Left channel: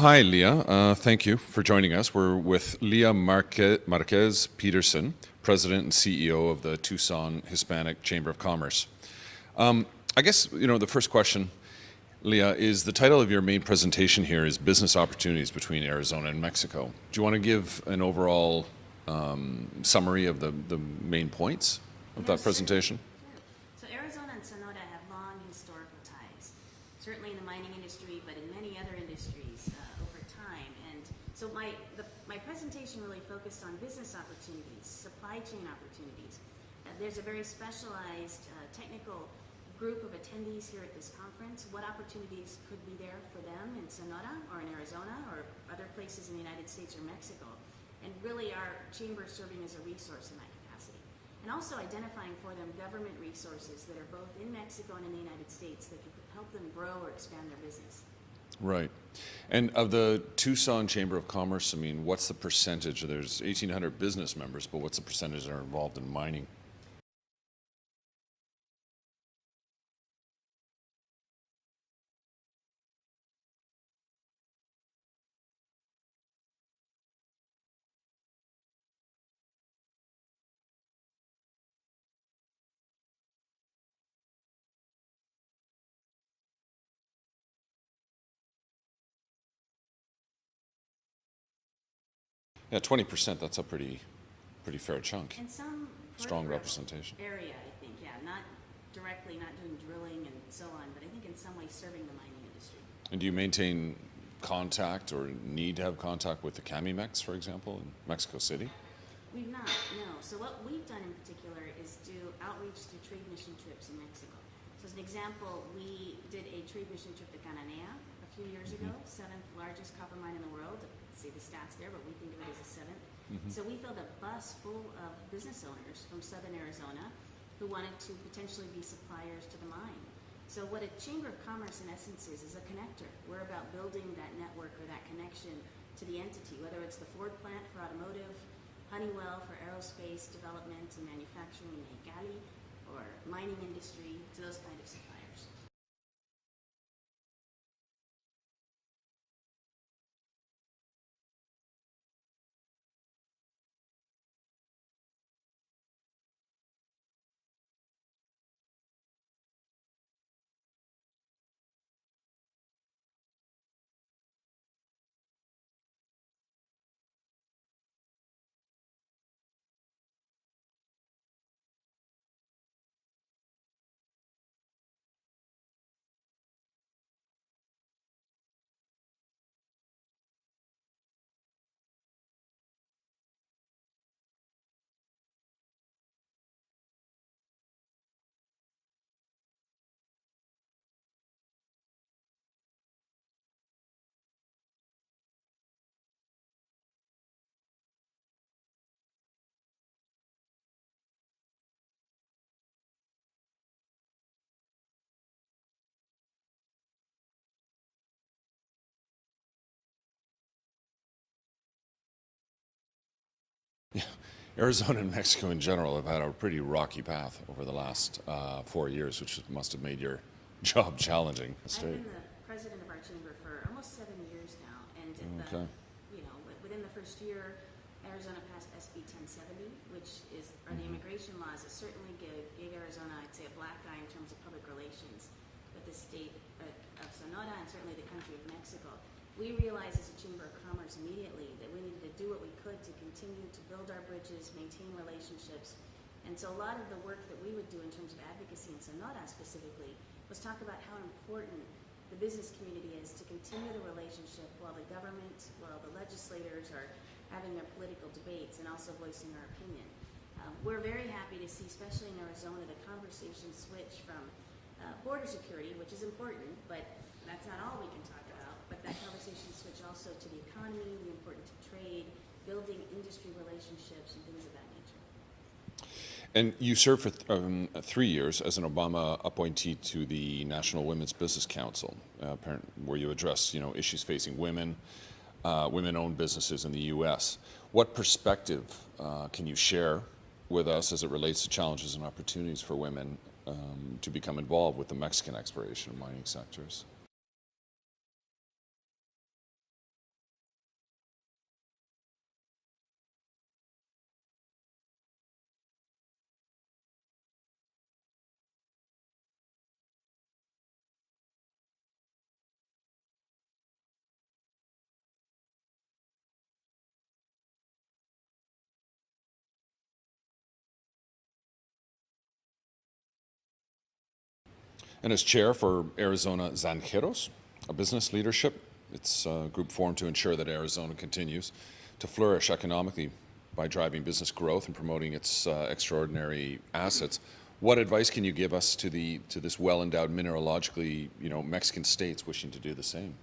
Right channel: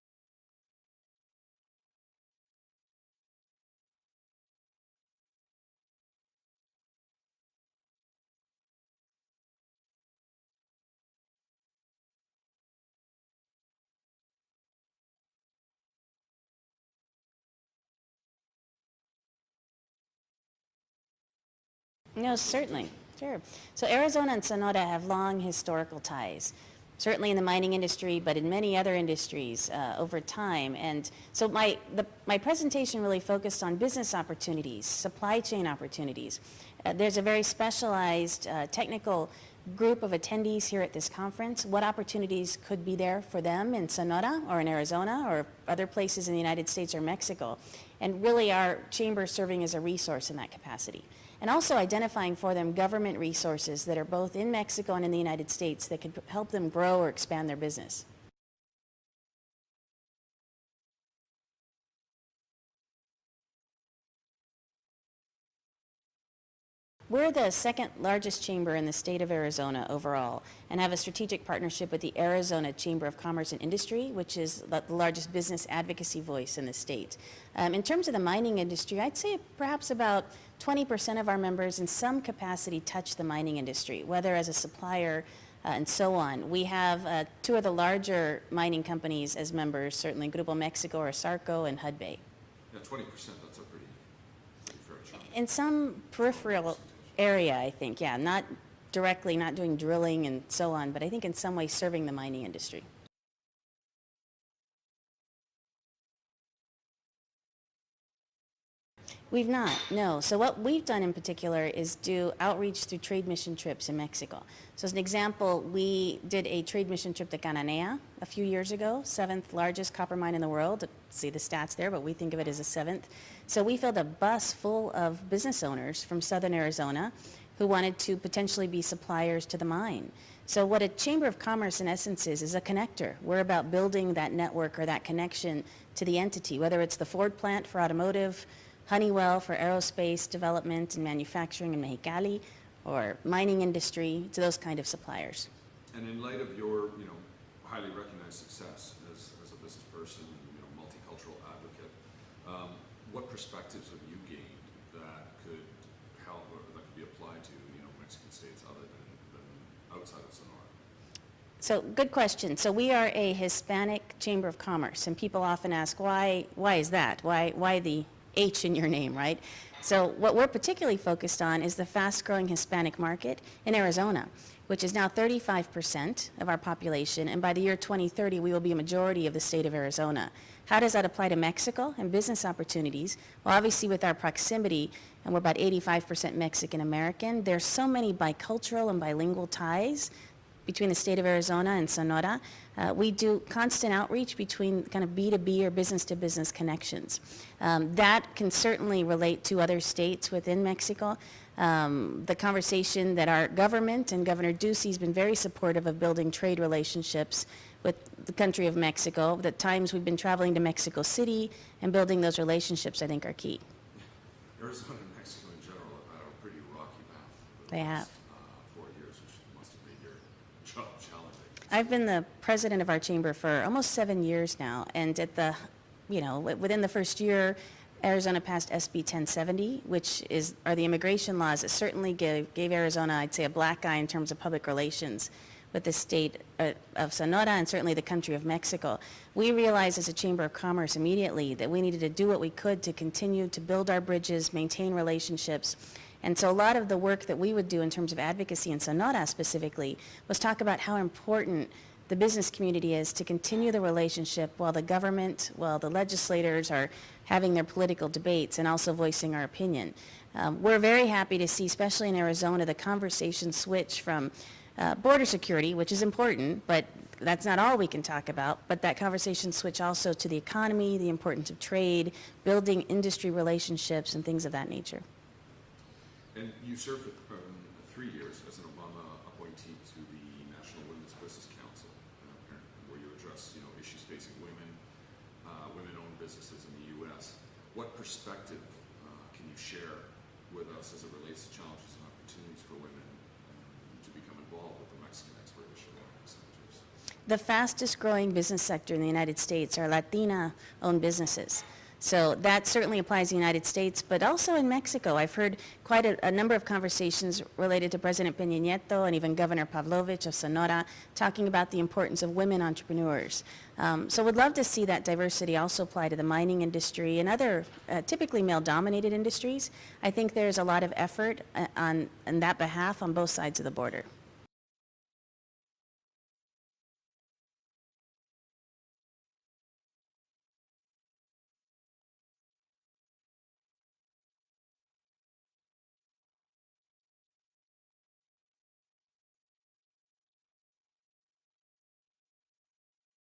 Hi, Leah. Thank you for joining us. We're with Leah Márquez Peterson, President and CEO of the Tucson Hispanic Chamber of Commerce. I guess, the first question, Leah, is the title of your main presentation here is Business Opportunities Between Arizona and Mexico. Do you want to give an overall summary of the main points of that presentation? Certainly. Sure. So Arizona and Sonora have long historical ties, certainly in the mining industry, but in many other industries over time. And so my presentation really focused on business opportunities, supply chain opportunities. There's a very specialized technical group of attendees here at this conference. What opportunities could be there for them in Sonora or in Arizona or other places in the United States or Mexico? And really our chamber serving as a resource in that capacity. And also identifying for them government resources that are both in Mexico and in the United States that could help them grow or expand their business. Right. And of the Tucson Chamber of Commerce, what's the percentage? There's 1,800 business members, but what's the percentage that are involved in mining? We're the second largest chamber in the state of Arizona overall and have a strategic partnership with the Arizona Chamber of Commerce and Industry, which is the largest business advocacy voice in the state. In terms of the mining industry, I'd say perhaps about 20% of our members in some capacity touch the mining industry, whether as a supplier and so on. We have two of the larger mining companies as members, certainly Grupo Mexico or Sarco and Hudbay. Yeah, 20%, that's a pretty fair chunk. In some peripheral area, I think, yeah, not directly, not doing drilling and so on, but I think in some way serving the mining industry. And do you maintain contact or need to have contact with the CAMIMEX, for example, in Mexico City? We've not, no. So what we've done in particular is do outreach through trade mission trips in Mexico. So as an example, we did a trade mission trip to Cananea a few years ago, seventh largest copper mine in the world. See the stats there, but we think of it as a seventh. So we filled a bus full of business owners from southern Arizona who wanted to potentially be suppliers to the mine. So what a Chamber of Commerce in essence is a connector. We're about building that network or that connection to the entity, whether it's the Ford plant for automotive, Honeywell for aerospace development and manufacturing in Mexicali, or mining industry, to those kind of suppliers. And in light of your, highly recognized success as a business person, multicultural advocate, what perspectives have you gained that could help or that could be applied to, Mexican states other than outside of Sonora? So good question. So we are a Hispanic Chamber of Commerce, and people often ask, why is that? Why the H in your name, right? So what we're particularly focused on is the fast-growing Hispanic market in Arizona, which is now 35% of our population, and by the year 2030, we will be a majority of the state of Arizona. How does that apply to Mexico and business opportunities? Well, obviously with our proximity, and we're about 85% Mexican-American, there's so many bicultural and bilingual ties between the state of Arizona and Sonora. We do constant outreach between kind of B2B or business-to-business connections. That can certainly relate to other states within Mexico. The conversation that our government and Governor Ducey has been very supportive of building trade relationships with the country of Mexico. The times we've been traveling to Mexico City and building those relationships, I think, are key. Yeah. Arizona and Mexico in general have had a pretty rocky path over the last 4 years, which must have made your job challenging. I've been the president of our chamber for almost 7 years now, and at the, within the first year, Arizona passed SB 1070, which are the immigration laws that certainly gave Arizona, I'd say, a black eye in terms of public relations with the state of Sonora and certainly the country of Mexico. We realized as a Chamber of Commerce immediately that we needed to do what we could to continue to build our bridges, maintain relationships. And so a lot of the work that we would do in terms of advocacy in Sonora specifically was talk about how important the business community is to continue the relationship while the government, while the legislators are having their political debates and also voicing our opinion. We're very happy to see, especially in Arizona, the conversation switch from border security, which is important, but that's not all we can talk about, but that conversation switch also to the economy, the importance of trade, building industry relationships and things of that nature. And you served for 3 years as an Obama appointee to the National Women's Business Council, where you address, issues facing women, women-owned businesses in the U.S. What perspective can you share with us as it relates to challenges and opportunities for women to become involved with the Mexican exploration and mining sectors? the fastest growing business sector in the United States are Latina-owned businesses. So that certainly applies to the United States, but also in Mexico. I've heard quite a number of conversations related to President Peña Nieto and even Governor Pavlovich of Sonora talking about the importance of women entrepreneurs. So we'd love to see that diversity also apply to the mining industry and other typically male-dominated industries. I think there's a lot of effort on that behalf on both sides of the border. And as chair for Arizona Zanjeros, a business leadership, it's a group formed to ensure that Arizona continues to flourish economically by driving business growth and promoting its extraordinary assets. What advice can you give us to this well-endowed mineralogically, Mexican states wishing to do the same?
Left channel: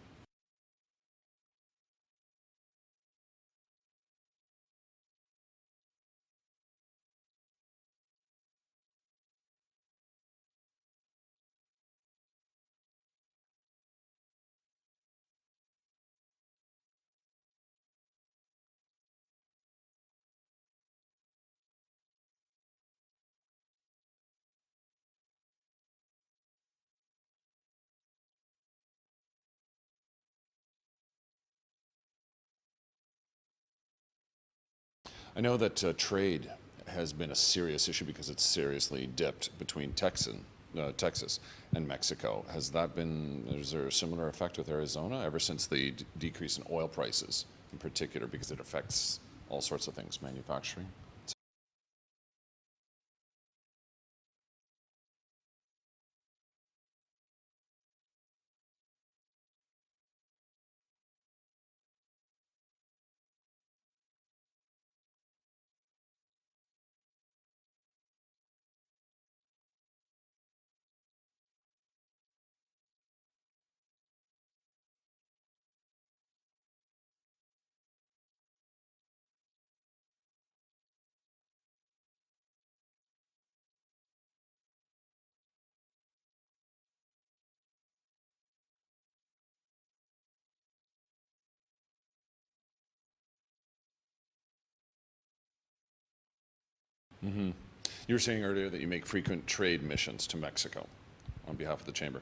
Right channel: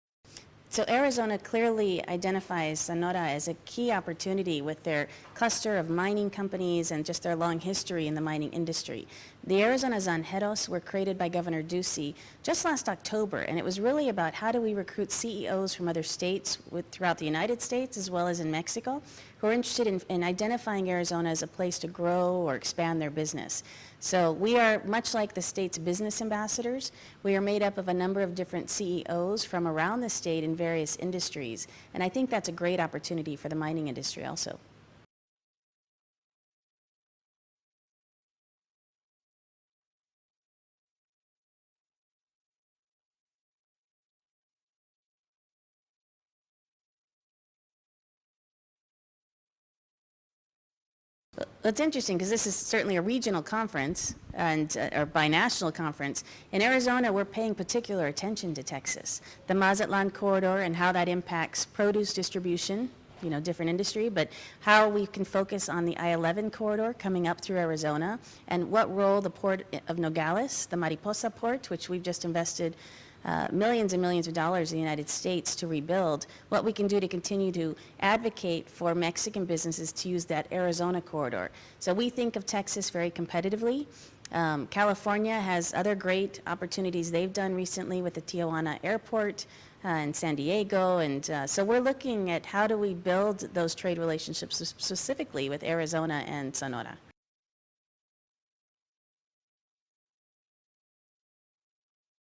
So Arizona clearly identifies Sonora as a key opportunity with their cluster of mining companies and just their long history in the mining industry. The Arizona Zanjeros were created by Governor Ducey just last October, and it was really about how do we recruit CEOs from other states throughout the United States as well as in Mexico who are interested in identifying Arizona as a place to grow or expand their business. So we are, much like the state's business ambassadors, we are made up of a number of different CEOs from around the state in various industries, and I think that's a great opportunity for the mining industry also. I know that trade has been a serious issue because it's seriously dipped between Texas and Mexico. Is there a similar effect with Arizona ever since the decrease in oil prices in particular, because it affects all sorts of things, manufacturing? Well, it's interesting because this is certainly a regional conference or binational conference. In Arizona, we're paying particular attention to Texas, the Mazatlan corridor and how that impacts produce distribution, different industry, but how we can focus on the I-11 corridor coming up through Arizona and what role the port of Nogales, the Mariposa port, which we've just invested millions and millions of dollars in the United States to rebuild, what we can do to continue to advocate for Mexican businesses to use that Arizona corridor. So we think of Texas very competitively. California has other great opportunities they've done recently with the Tijuana airport and San Diego, and so we're looking at how do we build those trade relationships specifically with Arizona and Sonora. Mm-hmm. You were saying earlier that you make frequent trade missions to Mexico on behalf of the Chamber,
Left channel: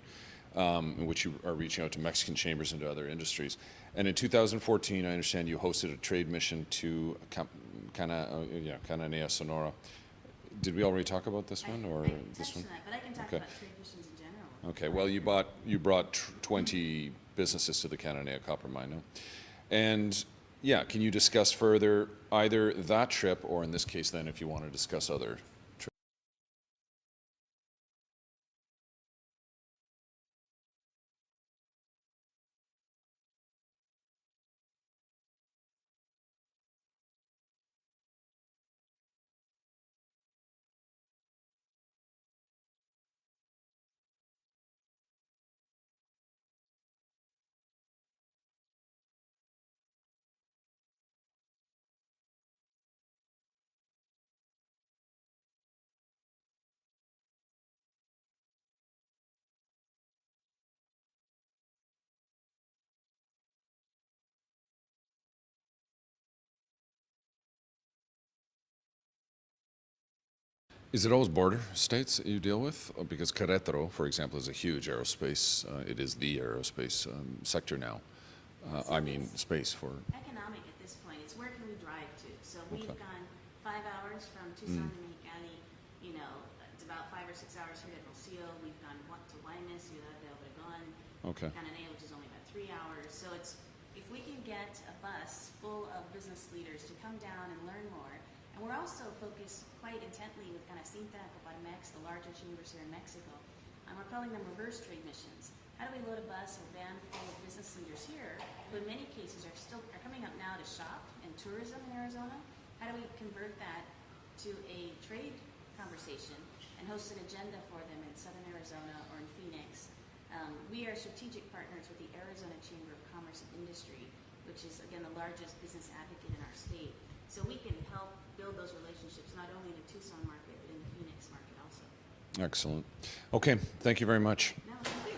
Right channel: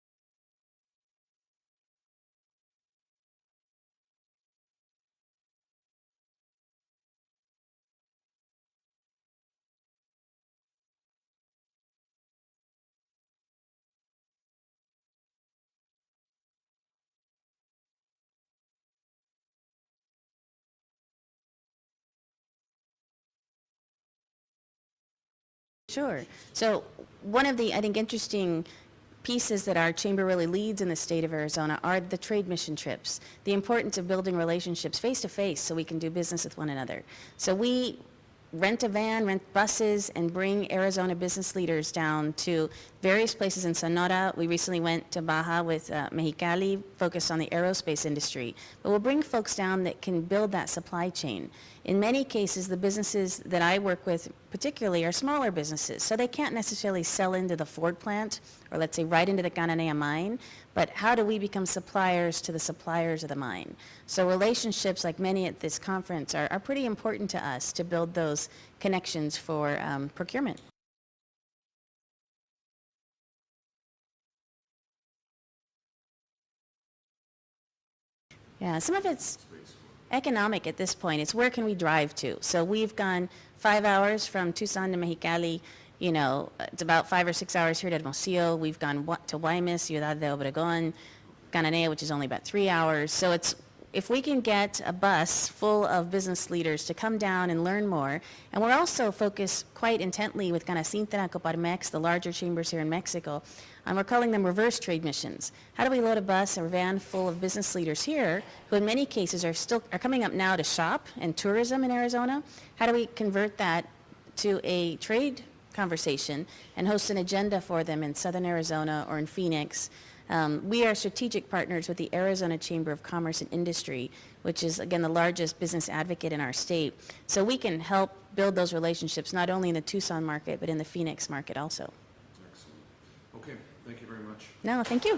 in which you are reaching out to Mexican chambers and to other industries. And in 2014, I understand you hosted a trade mission to Cananea, Sonora. Did we already talk about this one or this one? But I can talk about trade missions in general. Okay. Well, you brought 20 businesses to the Cananea copper mine, no? And can you discuss further either that trip or, in this case, then, if you want to discuss other trips? Sure. So one of the, I think, interesting pieces that our chamber really leads in the state of Arizona are the trade mission trips, the importance of building relationships face-to-face so we can do business with one another. So we rent a van, rent buses, and bring Arizona business leaders down to various places in Sonora. We recently went to Baja with Mexicali, focused on the aerospace industry. But we'll bring folks down that can build that supply chain. In many cases, the businesses that I work with particularly are smaller businesses, so they can't necessarily sell into the Ford plant or, let's say, right into the Cananea mine, but how do we become suppliers to the suppliers of the mine? So relationships, like many at this conference, are pretty important to us to build those connections for procurement. Is it always border states that you deal with? Because Querétaro, for example, is a huge aerospace, it is the aerospace sector now. Yeah, some of it's space for economic at this point. It's where can we drive to? So we've gone 5 hours from Tucson to Mexicali. It's about 5 or 6 hours here to Hermosillo. We've gone to Guaymas, Ciudad de Obregón, Cananea, which is only about 3 hours. So it's if we can get a bus full of business leaders to come down and learn more, and we're also focused quite intently with Canacintra, Coparmex, the larger chambers here in Mexico, and we're calling them reverse trade missions. How do we load a bus or van full of business leaders here who in many cases are coming up now to shop and tourism in Arizona? How do we convert that to a trade conversation and host an agenda for them in Southern Arizona or in Phoenix? We are strategic partners with the Arizona Chamber of Commerce and Industry, which is, again, the largest business advocate in our state. So we can help build those relationships not only in the Tucson market, but in the Phoenix market also. Excellent. Okay, thank you very much. No, thank you.